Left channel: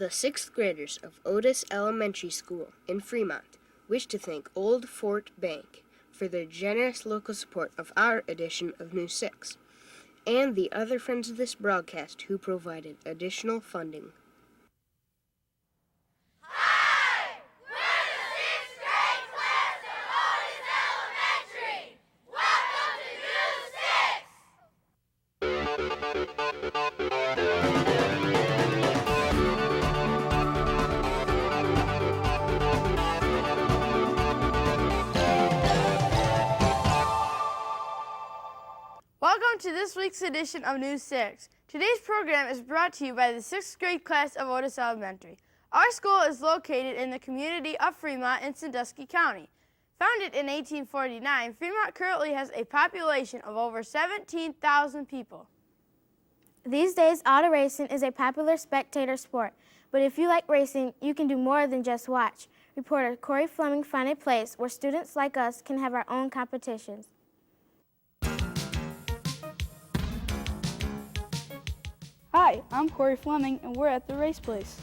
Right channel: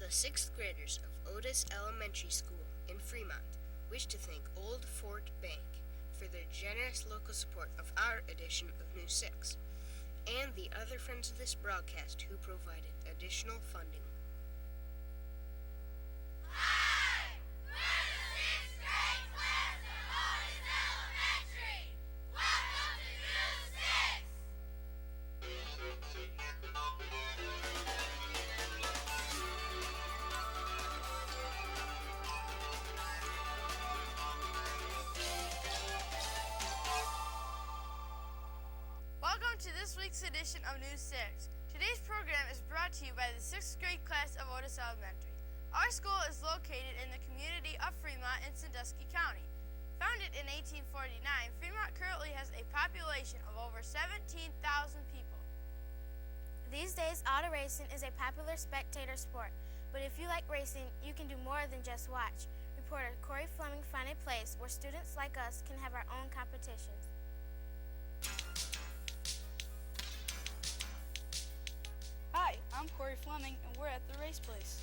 The 6th graders of Otis Elementary School in Fremont wish to thank Old Fort Bank for their generous local support of our edition of News 6, and the other friends of this broadcast who provided additional funding. Hi! We're the 6th grade class of Otis Elementary! Welcome to News 6! Welcome to this week's edition of News 6. Today's program is brought to you by the 6th grade class of Otis Elementary. Our school is located in the community of Fremont in Sandusky County. Founded in 1849, Fremont currently has a population of over 17,000 people. These days, auto racing is a popular spectator sport, but if you like racing, you can do more than just watch. Reporter Corey Fleming found a place where students like us can have our own competitions. Hi, I'm Corey Fleming, and we're at the race place.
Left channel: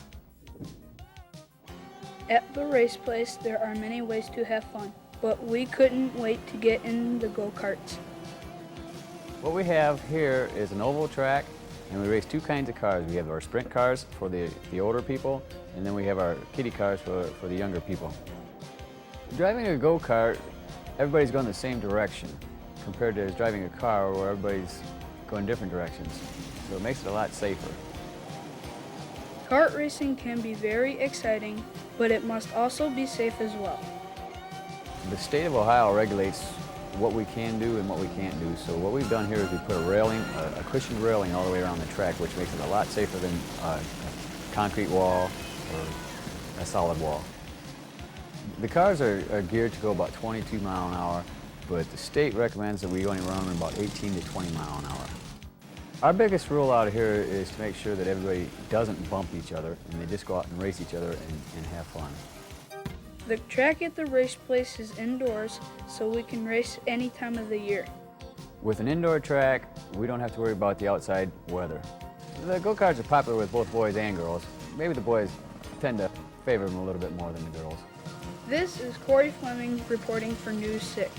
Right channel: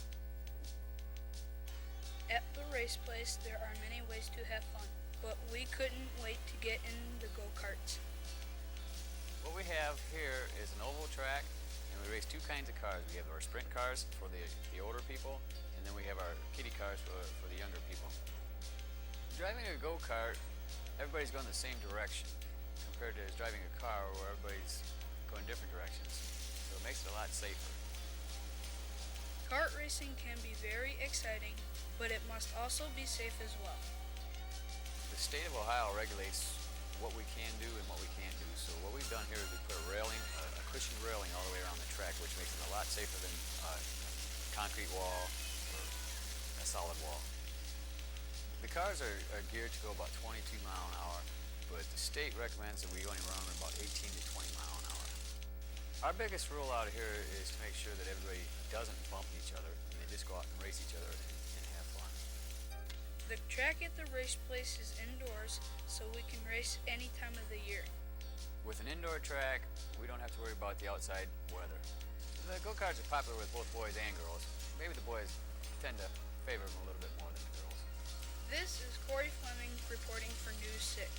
At the race place, there are many ways to have fun, but we couldn't wait to get in the go-karts. What we have here is an oval track, and we race two kinds of cars. We have our sprint cars for the older people, and then we have our kiddie cars for the younger people. Driving a go-kart, everybody's going the same direction, compared to driving a car where everybody's going different directions. So it makes it a lot safer. Kart racing can be very exciting, but it must also be safe as well. The state of Ohio regulates what we can do and what we can't do. So what we've done here is we put a railing, a cushioned railing all the way around the track, which makes it a lot safer than a concrete wall or a solid wall. The cars are geared to go about 22 miles an hour, but the state recommends that we only run them about 18 to 20 miles an hour. Our biggest rule out here is to make sure that everybody doesn't bump each other and they just go out and race each other and have fun. The track at the race place is indoors, so we can race any time of the year. With an indoor track, we don't have to worry about the outside weather. The go-karts are popular with both boys and girls. Maybe the boys tend to favor them a little bit more than the girls. This is Corey Fleming reporting for News 6.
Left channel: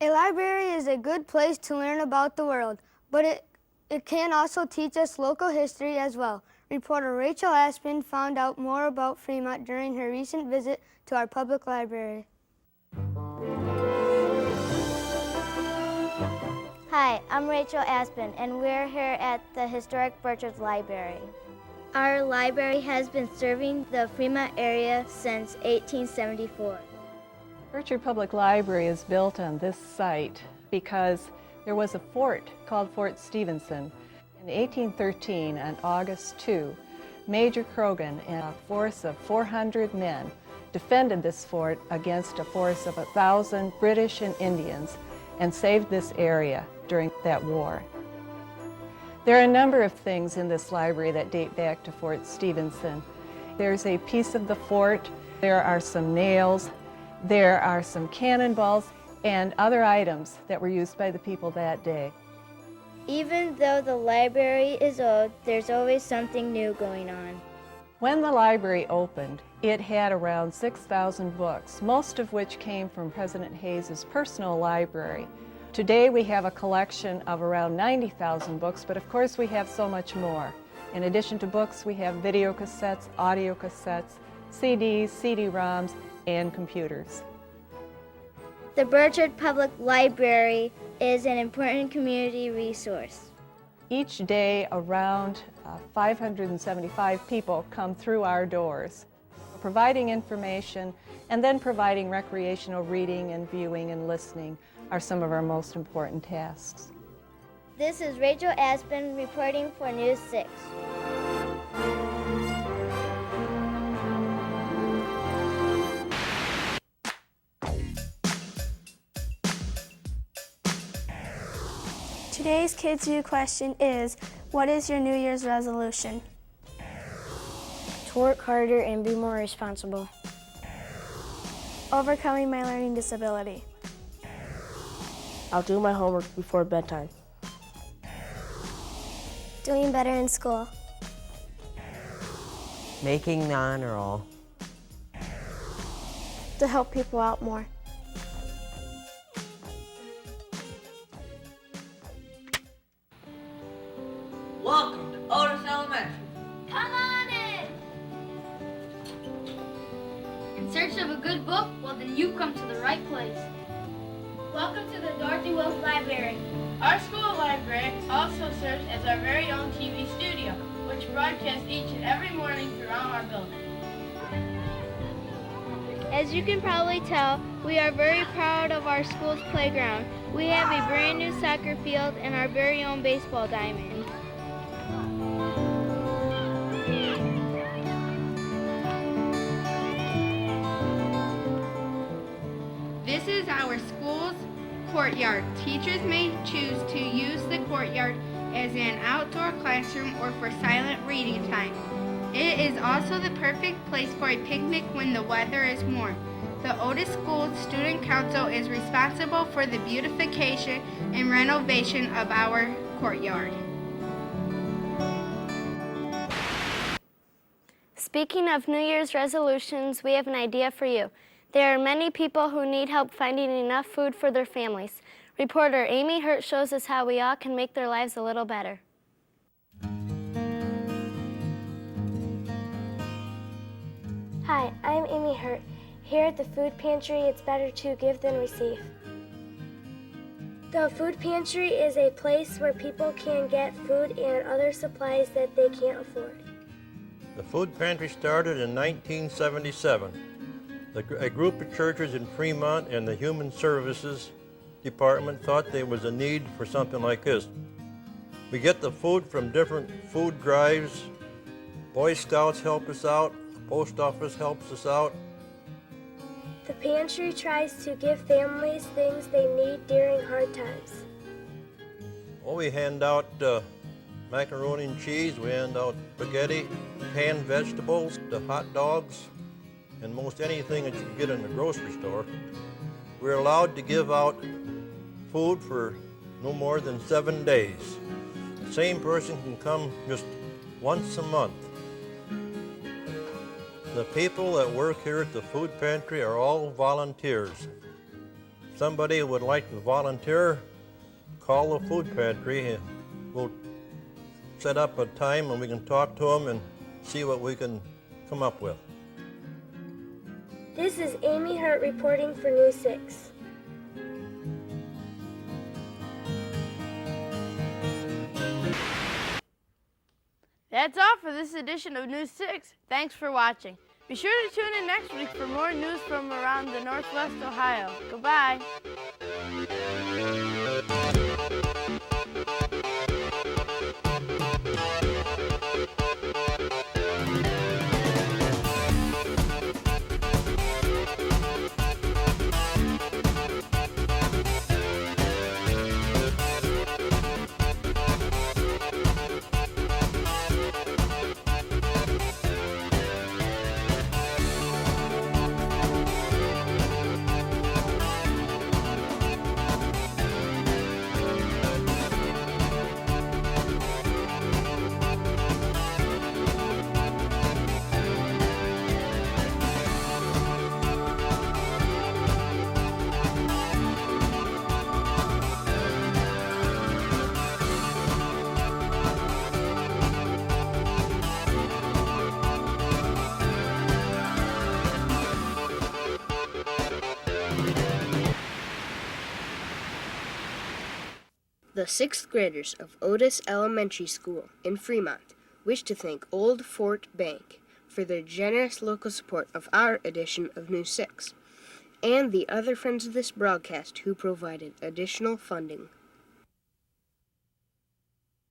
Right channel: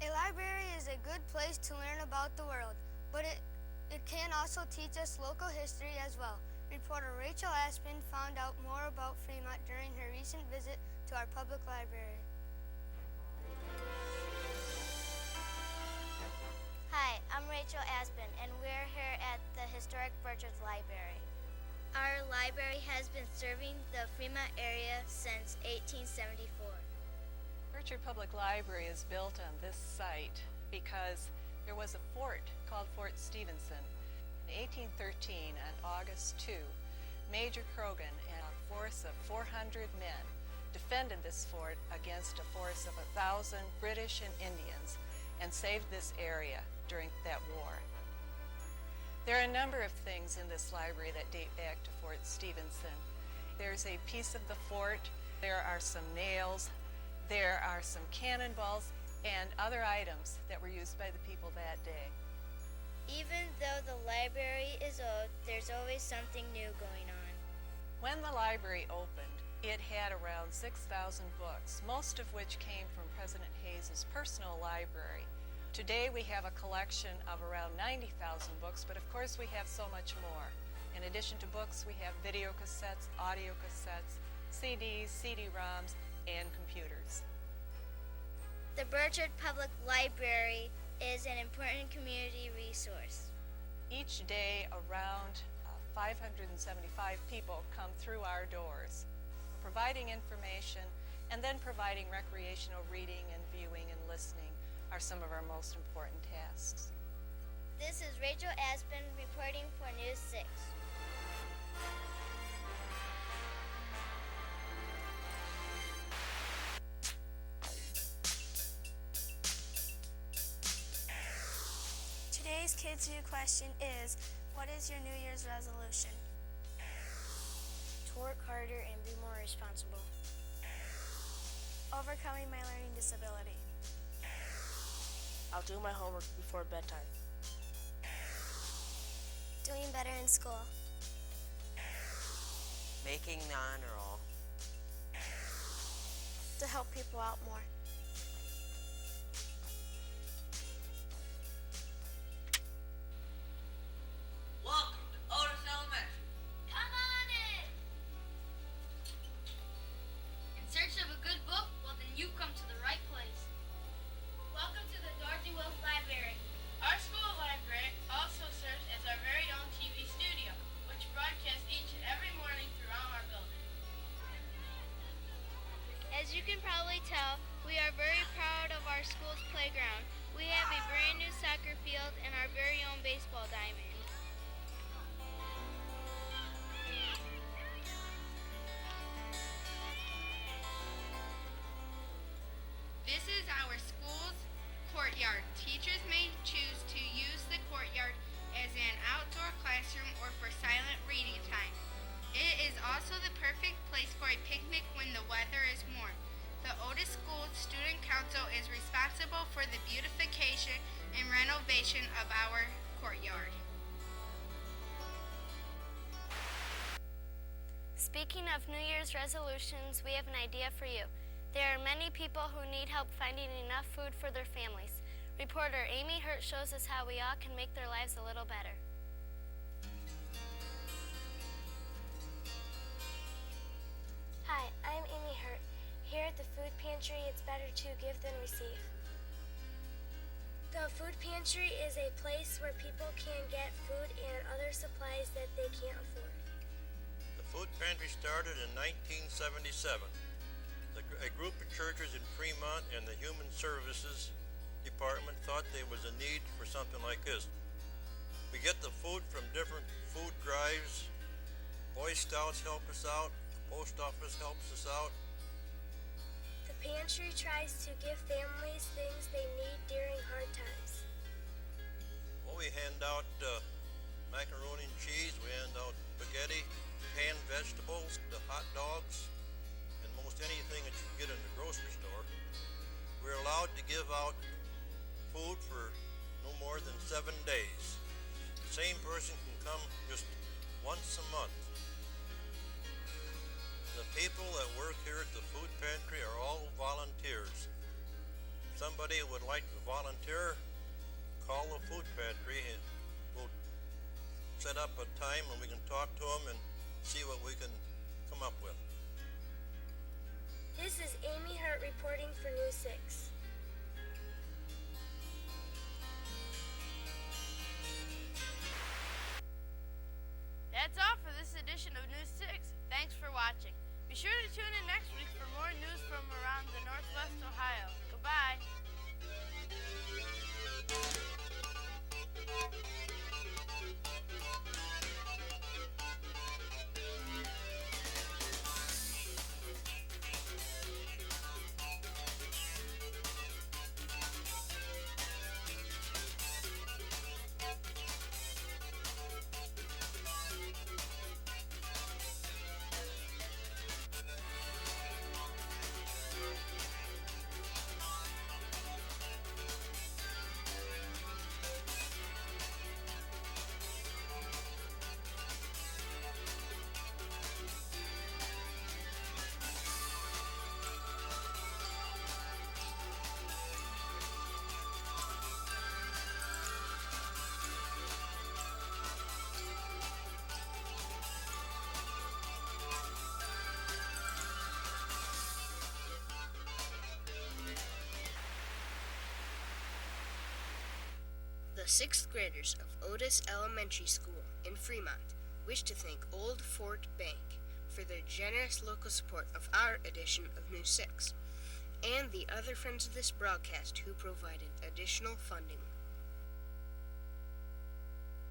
A library is a good place to learn about the world, but it can also teach us local history as well. Reporter Rachel Aspen found out more about Fremont during her recent visit to our public library. Hi, I'm Rachel Aspen, and we're here at the historic Burchard's Library. Our library has been serving the Fremont area since 1874. Burchard Public Library is built on this site because there was a fort called Fort Stevenson. In 1813, on August 2, Major Croghan and a force of 400 men defended this fort against a force of 1,000 British and Indians and saved this area during that war. There are a number of things in this library that date back to Fort Stevenson. There's a piece of the fort, there are some nails, there are some cannonballs and other items that were used by the people that day. Even though the library is old, there's always something new going on. When the library opened, it had around 6,000 books, most of which came from President Hayes's personal library. Today we have a collection of around 90,000 books, but of course we have so much more. In addition to books, we have video cassettes, audio cassettes, CDs, CD-ROMs, and computers. The Burchard Public Library is an important community resource. Each day around 575 people come through our doors, providing information and then providing recreational reading and viewing and listening are some of our most important tasks. This is Rachel Aspen reporting for News 6. Today's Kids View question is, what is your New Year's resolution? To work harder and be more responsible. Overcoming my learning disability. I'll do my homework before bedtime. Doing better in school. Making the honor roll. To help people out more. Welcome to Otis Elementary. Come on in. In search of a good book? Well, then you've come to the right place. Welcome to the Dorothy Wills Library. Our school library also serves as our very own TV studio, which broadcasts each and every morning throughout our building. As you can probably tell, we are very proud of our school's playground. We have a brand new soccer field and our very own baseball diamond. This is our school's courtyard. Teachers may choose to use the courtyard as an outdoor classroom or for silent reading time. It is also the perfect place for a picnic when the weather is warm. The Otis School Student Council is responsible for the beautification and renovation of our courtyard. Speaking of New Year's resolutions, we have an idea for you. There are many people who need help finding enough food for their families. Reporter Amy Hurt shows us how we all can make their lives a little better. Hi, I'm Amy Hurt. Here at the food pantry, it's better to give than receive. The food pantry is a place where people can get food and other supplies that they can't afford. The food pantry started in 1977. A group of churches in Fremont and the Human Services Department thought there was a need for something like this. We get the food from different food drives. Boy Scouts help us out. The post office helps us out. The pantry tries to give families things they need during hard times. Well, we hand out macaroni and cheese. We hand out spaghetti, canned vegetables, the hot dogs, and most anything that you can get in the grocery store. We're allowed to give out food for no more than 7 days. The same person can come just once a month. The people that work here at the food pantry are all volunteers. If somebody would like to volunteer, call the food pantry. We'll set up a time and we can talk to them and see what we can come up with. This is Amy Hurt reporting for News 6. That's all for this edition of News 6. Thanks for watching. Be sure to tune in next week for more news from around the Northwest Ohio. Goodbye. The sixth graders of Otis Elementary School in Fremont wish to thank Old Fort Bank for their generous local support of our edition of News 6, and the other friends of this broadcast who provided additional funding.